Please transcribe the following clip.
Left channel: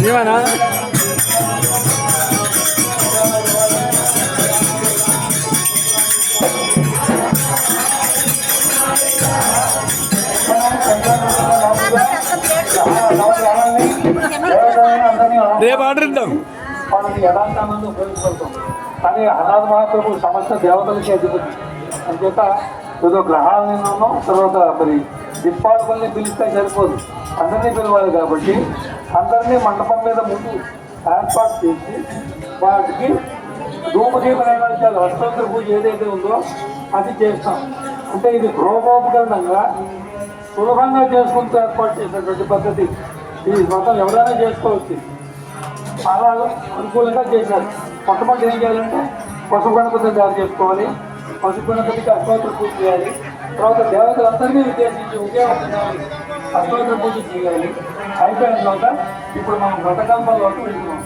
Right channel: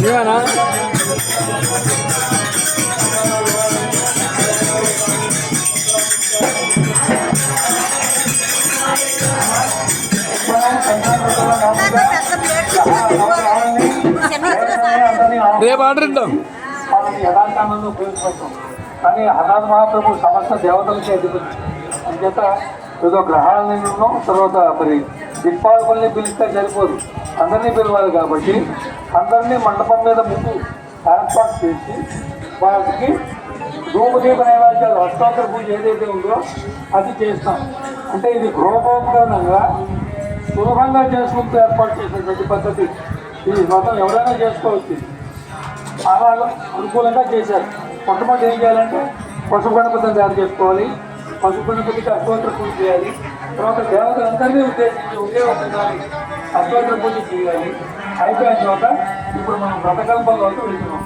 నిజమేనా? రేపు ఆర్డర్ ఇద్దాం. యథాకాలంలో తెలుసుకుంటాం. కానీ అనాథ మహాప్రభు సమస్త దేవతలకి అధిపతి అందుచేత ఏదో గ్రహాలను తర్వాత మరి దిక్పాలకుల్ని పిలిస్తే సరిపోదు, అందరినీ పిలవాలి. కాబట్టి అందరినీ మండపం మీద ముందు ఏర్పాటు చేసి వాటికి ధూపదీప నైవేద్యాలు అష్టోత్తర పూజ ఏదైతే ఉందో అది చేస్తాం. అంటే ఇది గృహోపకరణంగా సులభంగా చేసుకుంటూ ఏర్పాటు చేసినటువంటి పద్ధతి. ఇది మొత్తం ఎవరైనా చేసుకోవచ్చు, చాలా అనుకూలంగా చేశారు. మొట్టమొదటి ఏం చేయాలంటే పశు గణపతిని తయారు చేసుకోవాలి. పశు గణపతికి అష్టోత్తర పూజ చేయాలి. తర్వాత దేవతలందరినీ ఉద్దేశించి ఒకే ఉండాలి, అష్టోత్తర పూజ చేయాలి. అయిపోయిన తర్వాత ఇప్పుడు మనం వ్రతకల్పంలోకి వెళ్తున్నాం.